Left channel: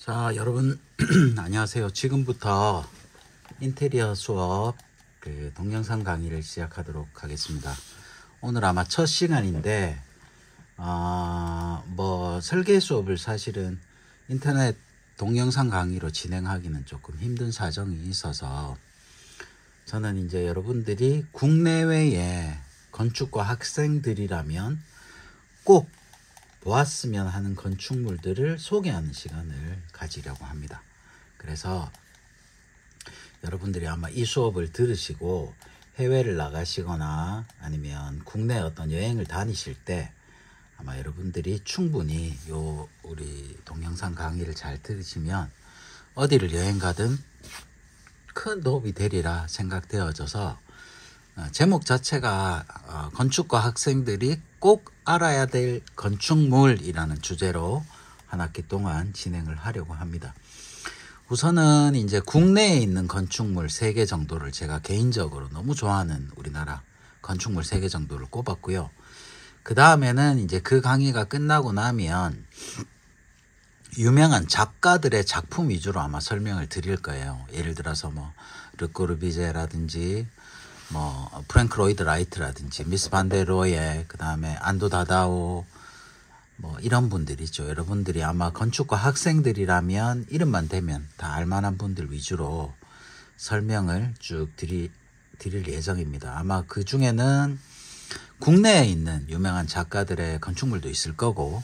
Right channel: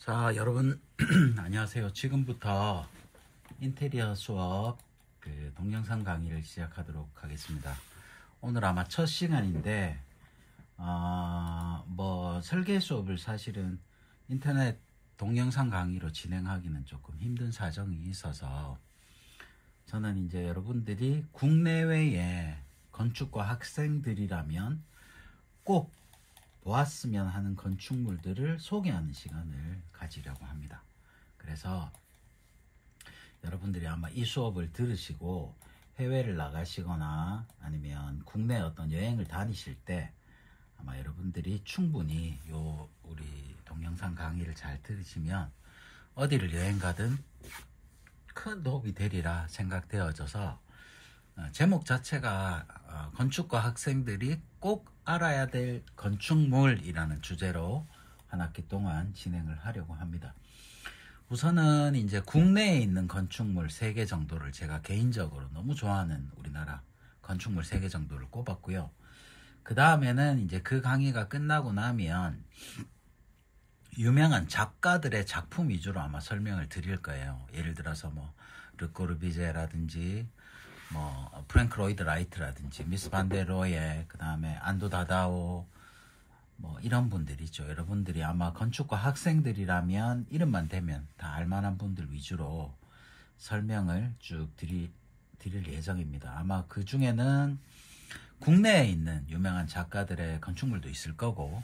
자, 여러분 안녕하세요. 지금부터 인테리어 수업 동영상 강의를 시작하도록 하겠습니다. 오늘 아마 첫 시간인데 설계 수업을 사실은 인터넷 동영상 강의로 진행하기는 조금 힘든 사정이 있어서 저는 이제 여러분들이 국내외의 건축과 학생들이라면 꼭 보았으면 하는 건축물들을 소개하는 시간을 가지려고 합니다. 그래서 여러분들이 아마 이 수업을 들으시고 해외를 나가시거나 아니면 국내 어떤 여행을 다니실 때 아마 여러분들이 충분히 우리 동영상 강의를 잘 들으시면 어디를 여행 가든 큰 도움이 되리라 생각되어져서 제목 자체가 건축과 학생들이 꼭 알아야 될 건축물이라는 주제로 한 학기 동안 진행을 하려고 합니다. 우선은 이제 국내에 있는 건축물 3개 정도를 제가 개인적으로 너무 좋아하는 우리나라 건축물 3개 정도를 꼽았고요. 그 다음에는 이제 그 강의가 끝나고 나면 유명한 작가들의 작품 위주로 아마 설명을 드릴 거예요. 예를 들어서 르꼬르비제라든지 프랭크 로이드 라이트라든지 미스 반데로에, 그 다음에 안도 다다오, 이런 분들이죠. 여러분들이 아마 건축과 학생들이라면 이름만 대면 다 알만한 분들 위주로 설명을 쭉 드릴 예정입니다. 아마 그 중에는 국내에 있는 유명한 작가들의 건축물도 있을 거고,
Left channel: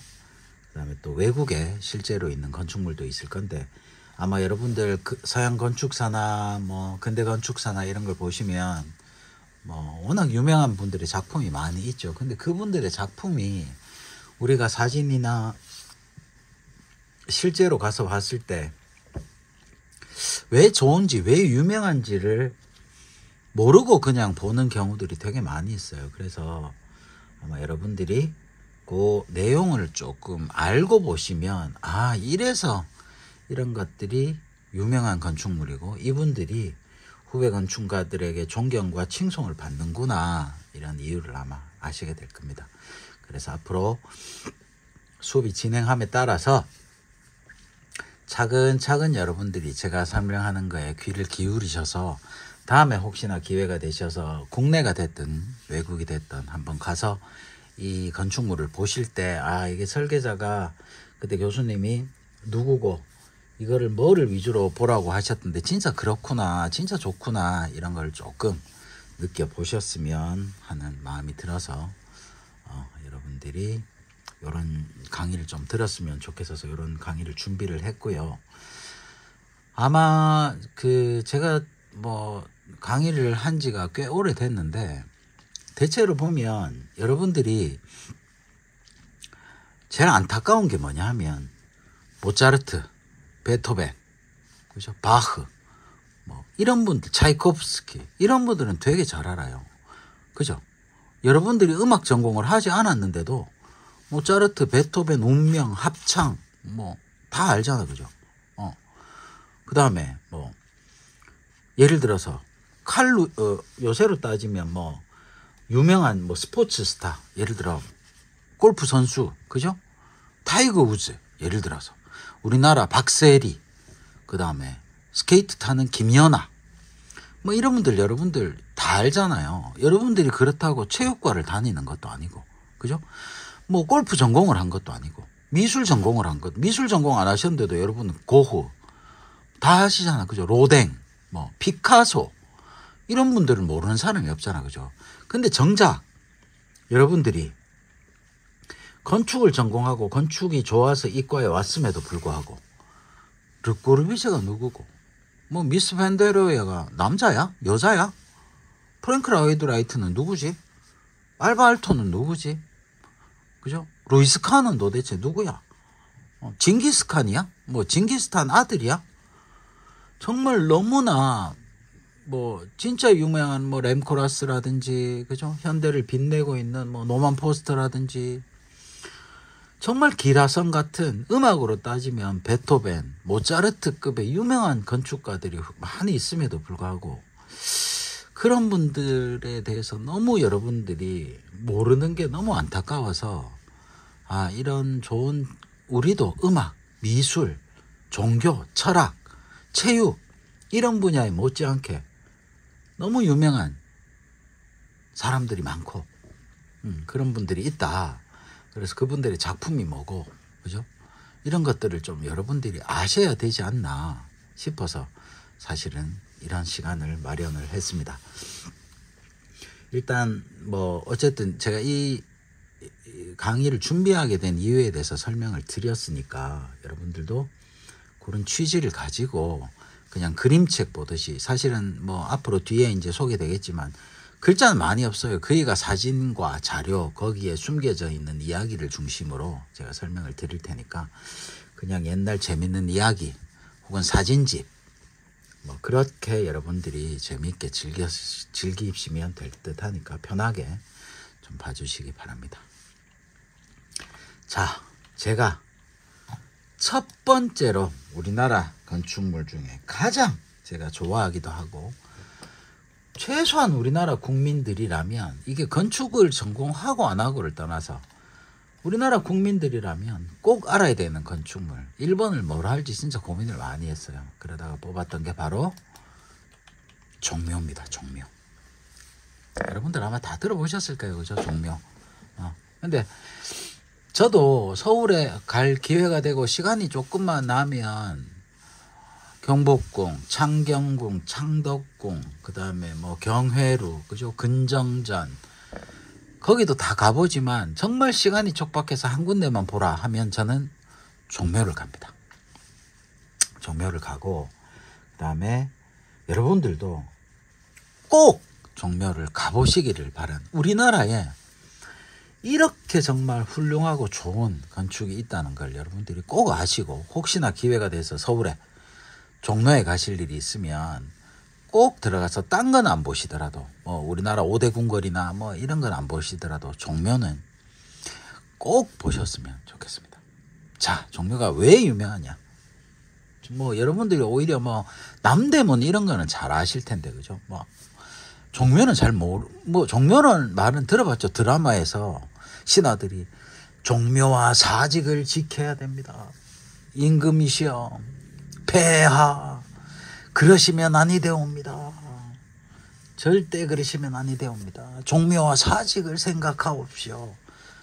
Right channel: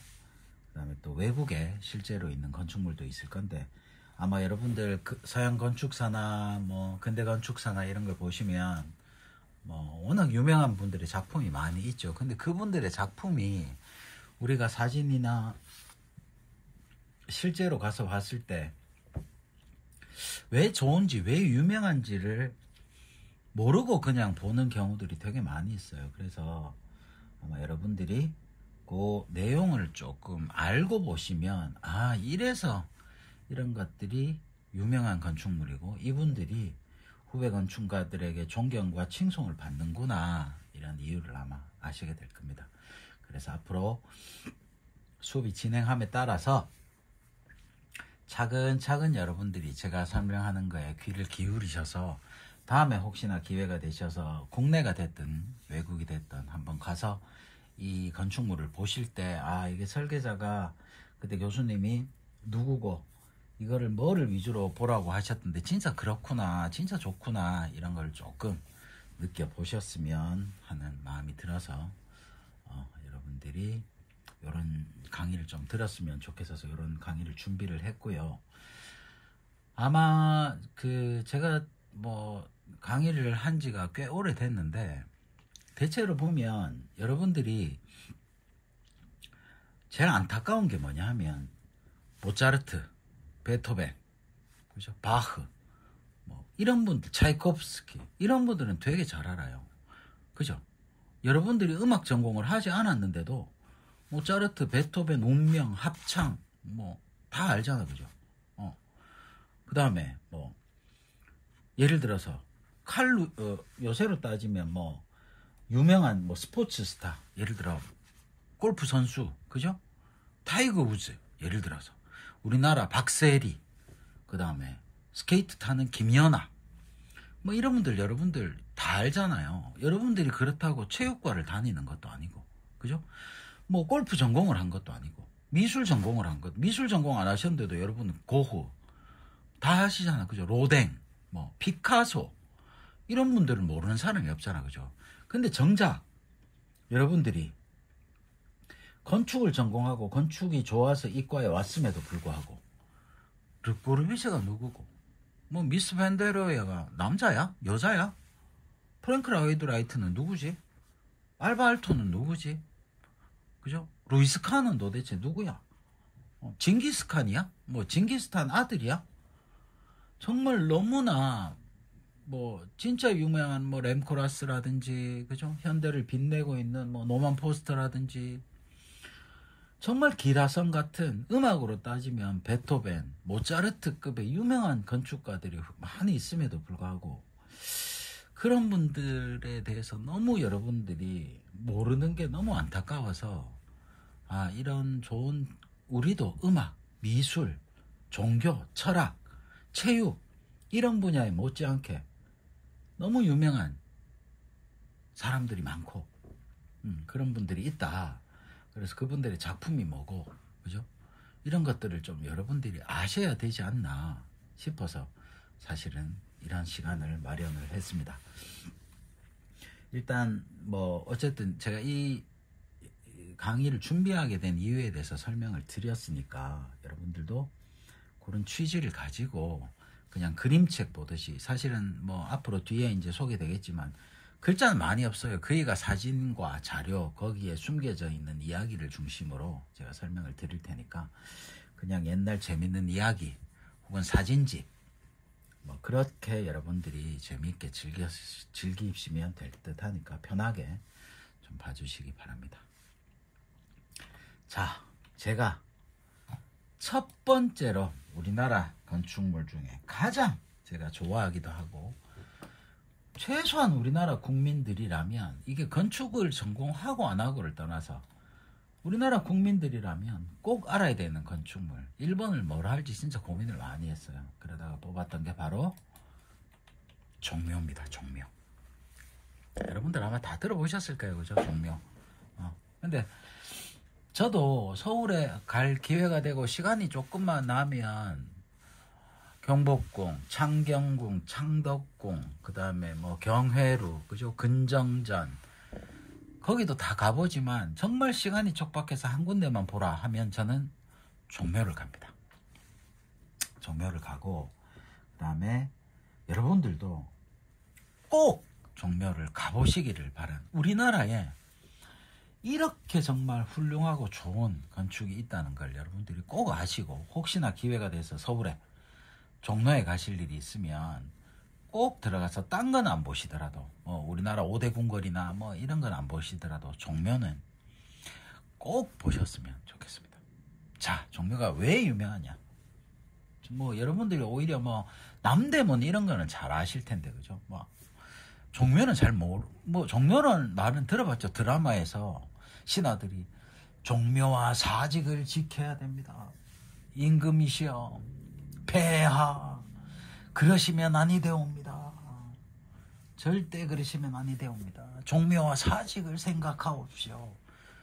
그 다음에 또 외국에 실제로 있는 건축물도 있을 건데, 아마 여러분들 서양 건축사나 근대 건축사나 이런 걸 보시면 워낙 유명한 분들의 작품이 많이 있죠. 근데 그분들의 작품이 우리가 사진이나 실제로 가서 봤을 때 왜 좋은지, 왜 유명한지를 모르고 그냥 보는 경우들이 되게 많이 있어요. 그래서 아마 여러분들이 그 내용을 조금 알고 보시면, 이래서 이런 것들이 유명한 건축물이고 이분들이 후배 건축가들에게 존경과 칭송을 받는구나, 이런 이유를 아마 아시게 될 겁니다. 그래서 앞으로 수업이 진행함에 따라서 차근차근 여러분들이 제가 설명하는 거에 귀를 기울이셔서 다음에 혹시나 기회가 되셔서 국내가 됐든 외국이 됐든 한번 가서 이 건축물을 보실 때 이게 설계자가 그때 교수님이 누구고 이거를 뭐를 위주로 보라고 하셨던데 진짜 그렇구나, 진짜 좋구나, 이런 걸 조금 느껴보셨으면 하는 마음이 들어서 여러분들이 이런 강의를 좀 들었으면 좋겠어서 이런 강의를 준비를 했고요. 아마 제가 강의를 한 지가 꽤 오래됐는데 대체로 보면 여러분들이 제일 안타까운 게 뭐냐 하면 모차르트, 베토벤, 그죠? 바흐, 이런 분들, 차이콥스키, 이런 분들은 되게 잘 알아요. 그죠? 여러분들이 음악 전공을 하지 않았는데도 모차르트, 베토벤, 운명, 합창, 다 알잖아. 그죠? 그 다음에, 예를 들어서, 요새로 따지면 유명한 스포츠 스타, 예를 들어, 골프 선수, 그죠? 타이거 우즈, 예를 들어서. 우리나라 박세리, 그 다음에 스케이트 타는 김연아, 이런 분들 여러분들 다 알잖아요. 여러분들이 그렇다고 체육과를 다니는 것도 아니고, 그죠? 골프 전공을 한 것도 아니고, 미술 전공을 한 것, 미술 전공 안 하셨는데도 여러분은 고흐 다 하시잖아. 그죠? 로댕, 피카소, 이런 분들은 모르는 사람이 없잖아. 그죠? 근데 정작 여러분들이 건축을 전공하고 건축이 좋아서 이과에 왔음에도 불구하고 르꼬르비제가 누구고, 미스 밴데로에가 남자야? 여자야? 프랭크 로이드 라이트는 누구지? 알바 알토는 누구지? 그죠? 루이스 칸은 도대체 누구야? 징기스칸이야? 징기스탄 아들이야? 정말 너무나 진짜 유명한 램코라스라든지, 그죠? 현대를 빛내고 있는 노만 포스터라든지, 정말 기라성 같은, 음악으로 따지면 베토벤, 모차르트급의 유명한 건축가들이 많이 있음에도 불구하고 그런 분들에 대해서 너무 여러분들이 모르는 게 너무 안타까워서 이런 좋은, 우리도 음악, 미술, 종교, 철학, 체육 이런 분야에 못지않게 너무 유명한 사람들이 많고 그런 분들이 있다. 그래서 그분들의 작품이 뭐고, 그죠? 이런 것들을 좀 여러분들이 아셔야 되지 않나 싶어서 사실은 이런 시간을 마련을 했습니다. 일단 뭐 어쨌든 제가 이 강의를 준비하게 된 이유에 대해서 설명을 드렸으니까 여러분들도 그런 취지를 가지고 그냥 그림책 보듯이, 사실은 뭐 앞으로 뒤에 이제 소개되겠지만 글자는 많이 없어요. 거기가 사진과 자료, 거기에 숨겨져 있는 이야기를 중심으로 제가 설명을 드릴 테니까 그냥 옛날 재밌는 이야기 혹은 사진집 뭐 그렇게 여러분들이 재미있게 즐기시면 될 듯 하니까 편하게 좀 봐주시기 바랍니다. 자, 제가 첫 번째로 우리나라 건축물 중에 가장 제가 좋아하기도 하고 최소한 우리나라 국민들이라면, 이게 건축을 전공하고 안 하고를 떠나서 우리나라 국민들이라면 꼭 알아야 되는 건축물 1번을 뭘 할지 진짜 고민을 많이 했어요. 그러다가 뽑았던 게 바로 종묘입니다. 종묘. 여러분들 아마 다 들어보셨을 거예요. 그죠? 종묘. 근데 저도 서울에 갈 기회가 되고 시간이 조금만 나면 경복궁, 창경궁, 창덕궁, 그 다음에 뭐 경회루, 그죠? 근정전, 거기도 다 가보지만 정말 시간이 촉박해서 한 군데만 보라 하면 저는 종묘를 갑니다. 종묘를 가고, 그 다음에 여러분들도 꼭 종묘를 가보시기를 바란, 우리나라에 이렇게 정말 훌륭하고 좋은 건축이 있다는 걸 여러분들이 꼭 아시고, 혹시나 기회가 돼서 서울에 종로에 가실 일이 있으면 꼭 들어가서 딴 건 안 보시더라도, 뭐 우리나라 5대 궁궐이나 뭐 이런 건 안 보시더라도 종묘는 꼭 보셨으면 좋겠습니다. 자, 종묘가 왜 유명하냐? 뭐 여러분들이 오히려 뭐 남대문 이런 거는 잘 아실 텐데, 그죠? 뭐 종묘는 잘 뭐 종묘는 말은 들어봤죠. 드라마에서 신하들이 종묘와 사직을 지켜야 됩니다. 임금이시여, 폐하, 그러시면 아니 되옵니다. 절대 그러시면 아니 되옵니다. 종묘와 사직을 생각하옵시오.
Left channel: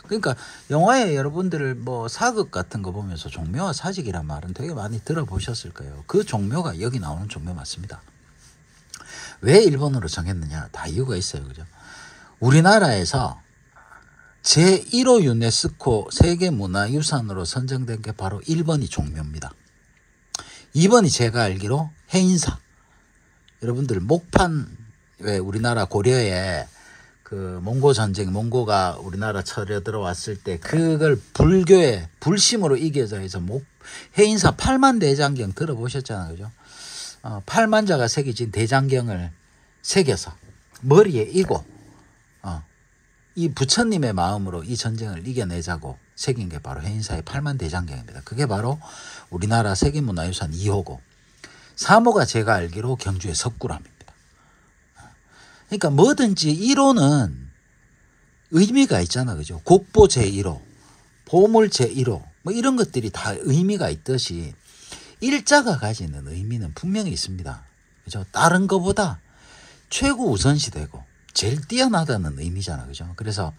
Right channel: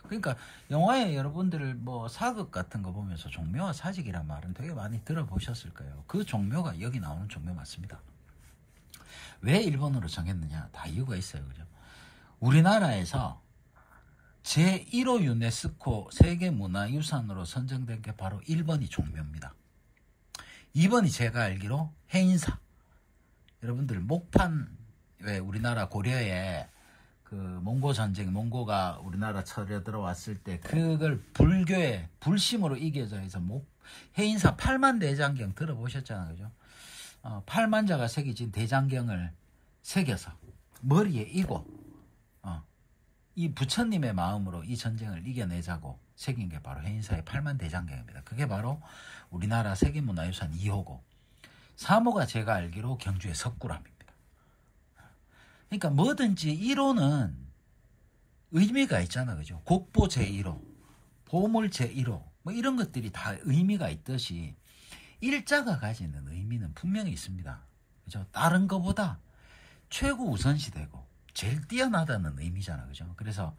그러니까 영화에 여러분들 뭐 사극 같은 거 보면서 종묘와 사직이란 말은 되게 많이 들어보셨을 거예요. 그 종묘가 여기 나오는 종묘 맞습니다. 왜 일본으로 정했느냐? 다 이유가 있어요. 그죠? 우리나라에서 제1호 유네스코 세계문화유산으로 선정된 게 바로 1번이 종묘입니다. 2번이 제가 알기로 해인사. 여러분들 목판, 왜 우리나라 고려에 그 몽고 전쟁, 몽고가 우리나라 쳐려 들어왔을 때 그걸 불교의 불심으로 이겨서 해서 해인사 8만 대장경 들어보셨잖아요. 그죠? 8만 자가 새겨진 대장경을 새겨서 머리에 이고 이 부처님의 마음으로 이 전쟁을 이겨내자고 새긴 게 바로 해인사의 8만 대장경입니다. 그게 바로 우리나라 세계문화유산 2호고, 3호가 제가 알기로 경주의 석굴암입니다. 그러니까 뭐든지 1호는 의미가 있잖아, 그죠? 국보 제1호, 보물 제1호, 뭐 이런 것들이 다 의미가 있듯이 일자가 가지는 의미는 분명히 있습니다. 그죠? 다른 것보다 최고 우선시되고 제일 뛰어나다는 의미잖아, 그죠? 그래서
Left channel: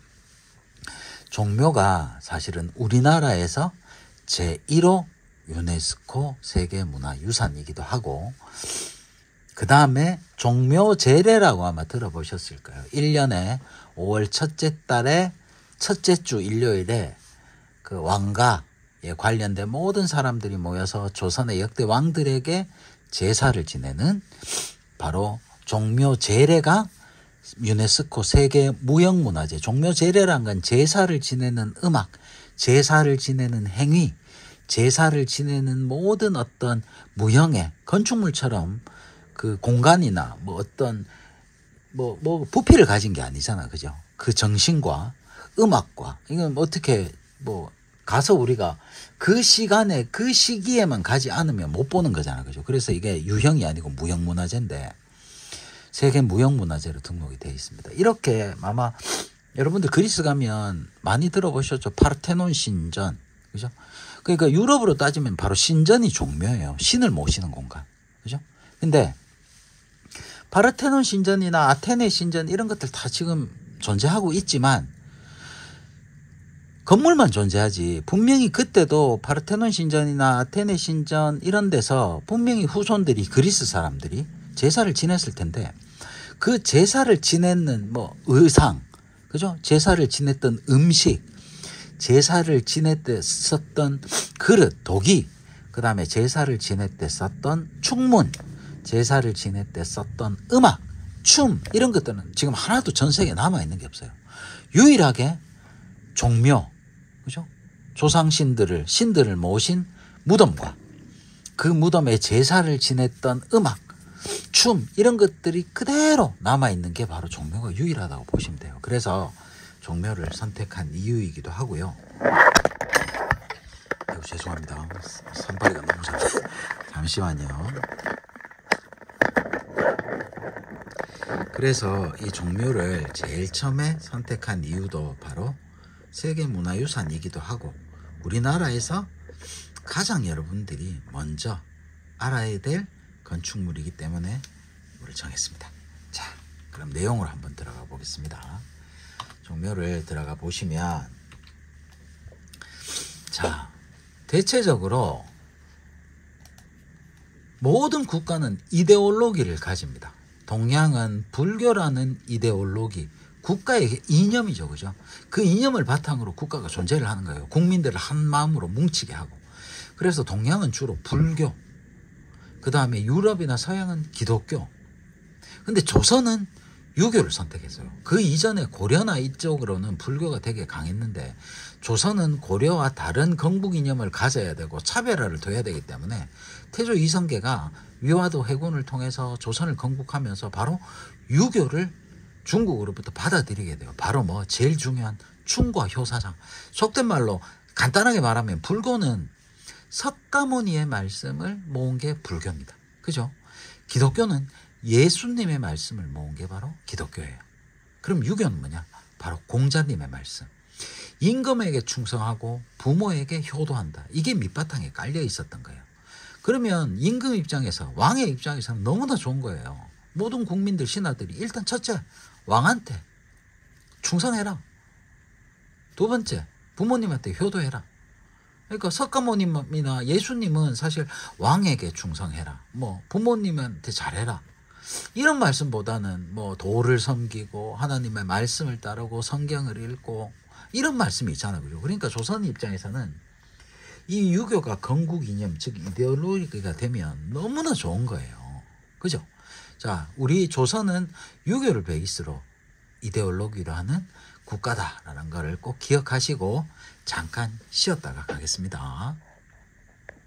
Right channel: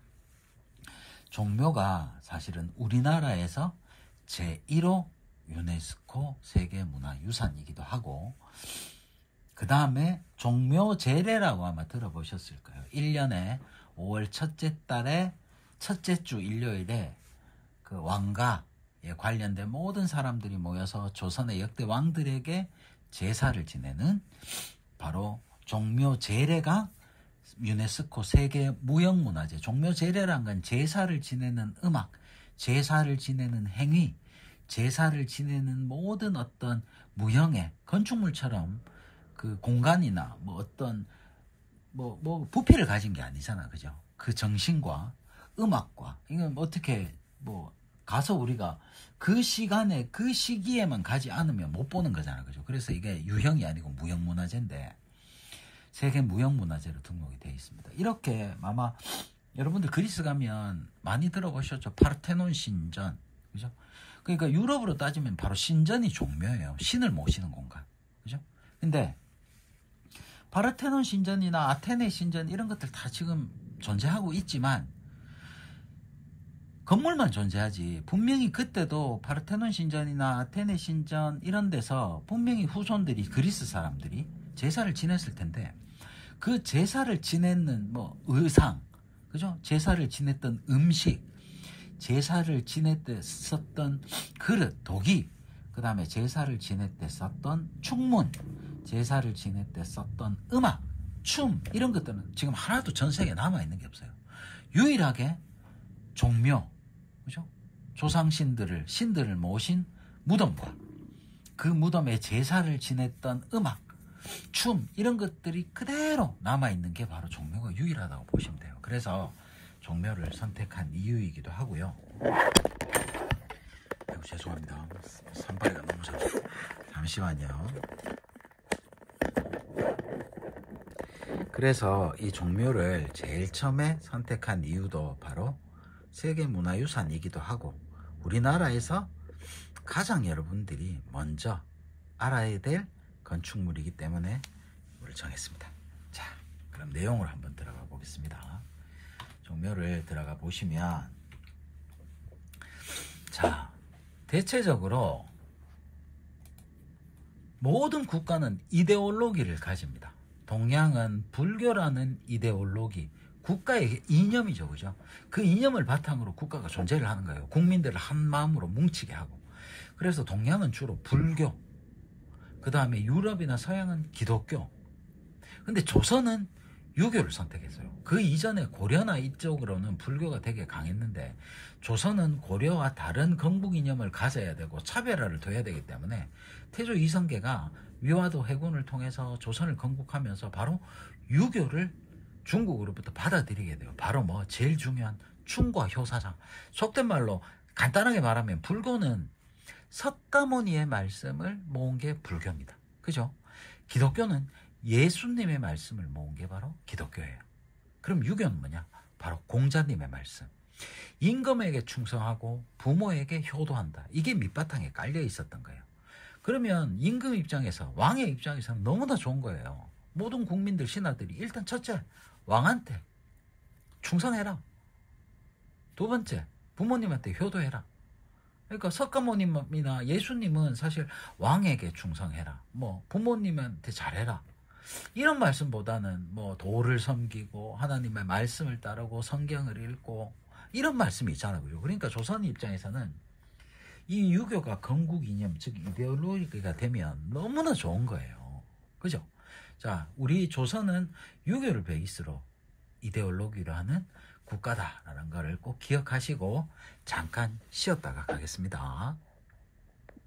종묘가 사실은 우리나라에서 제1호 유네스코 세계문화유산이기도 하고, 그 다음에 종묘제례라고 아마 들어보셨을 거예요. 1년에 5월 첫째 달에 첫째 주 일요일에 그 왕가에 관련된 모든 사람들이 모여서 조선의 역대 왕들에게 제사를 지내는 바로 종묘제례가 유네스코 세계무형문화재. 종묘제례란 건 제사를 지내는 음악, 제사를 지내는 행위, 제사를 지내는 모든 어떤 무형의 건축물처럼 그 공간이나 뭐 어떤 뭐 부피를 가진 게 아니잖아, 그죠? 그 정신과 음악과 이건 어떻게 뭐 가서 우리가 그 시간에 그 시기에만 가지 않으면 못 보는 거잖아, 그죠? 그래서 이게 유형이 아니고 무형문화재인데 세계 무형문화재로 등록이 되어 있습니다. 이렇게 아마 여러분들 그리스 가면 많이 들어보셨죠? 파르테논 신전, 그죠? 그러니까 유럽으로 따지면 바로 신전이 종묘예요. 신을 모시는 공간. 그죠? 근데 파르테논 신전이나 아테네 신전 이런 것들 다 지금 존재하고 있지만 건물만 존재하지 분명히 그때도 파르테논 신전이나 아테네 신전 이런 데서 분명히 후손들이 그리스 사람들이 제사를 지냈을 텐데 그 제사를 지내는 뭐 의상, 그죠? 제사를 지냈던 음식, 제사를 지낼 때 썼던 그릇, 도기, 그 다음에 제사를 지낼 때 썼던 축문, 제사를 지낼 때 썼던 음악, 춤 이런 것들은 지금 하나도 전 세계에 남아있는 게 없어요. 유일하게 종묘, 그죠? 조상신들을, 신들을 모신 무덤과 그 무덤에 제사를 지냈던 음악, 춤 이런 것들이 그대로 남아있는 게 바로 종묘가 유일하다고 보시면 돼요. 그래서 종묘를 선택한 이유이기도 하고요. 아이고, 죄송합니다. 손발이가 너무 작아요. 잠시만요. 그래서 이 종묘를 제일 처음에 선택한 이유도 바로 세계문화유산이기도 하고 우리나라에서 가장 여러분들이 먼저 알아야 될 건축물이기 때문에 이걸 정했습니다. 자, 그럼 내용으로 한번 들어가 보겠습니다. 종묘를 들어가 보시면, 자, 대체적으로 모든 국가는 이데올로기를 가집니다. 동양은 불교라는 이데올로기, 국가의 이념이죠, 그죠? 그 이념을 바탕으로 국가가 존재를 하는 거예요. 국민들을 한 마음으로 뭉치게 하고. 그래서 동양은 주로 불교, 그 다음에 유럽이나 서양은 기독교. 근데 조선은 유교를 선택했어요. 그 이전에 고려나 이쪽으로는 불교가 되게 강했는데 조선은 고려와 다른 건국 이념을 가져야 되고 차별화를 둬야 되기 때문에 태조 이성계가 위화도 해군을 통해서 조선을 건국하면서 바로 유교를 중국으로부터 받아들이게 돼요. 바로 뭐 제일 중요한 충과 효사상. 속된 말로 간단하게 말하면 불교는 석가모니의 말씀을 모은 게 불교입니다. 그죠? 기독교는 예수님의 말씀을 모은 게 바로 기독교예요. 그럼 유교는 뭐냐? 바로 공자님의 말씀. 임금에게 충성하고 부모에게 효도한다. 이게 밑바탕에 깔려 있었던 거예요. 그러면 임금 입장에서, 왕의 입장에서는 너무나 좋은 거예요. 모든 국민들, 신하들이 일단 첫째, 왕한테 충성해라. 두 번째, 부모님한테 효도해라. 그러니까 석가모님이나 예수님은 사실 왕에게 충성해라. 뭐 부모님한테 잘해라. 이런 말씀보다는 뭐 도를 섬기고 하나님의 말씀을 따르고 성경을 읽고 이런 말씀이 있잖아요. 그죠? 그러니까 조선 입장에서는 이 유교가 건국 이념, 즉 이데올로기가 되면 너무나 좋은 거예요. 그죠? 자, 우리 조선은 유교를 베이스로 이데올로기로 하는 국가다라는 거를 꼭 기억하시고 잠깐 쉬었다가 가겠습니다.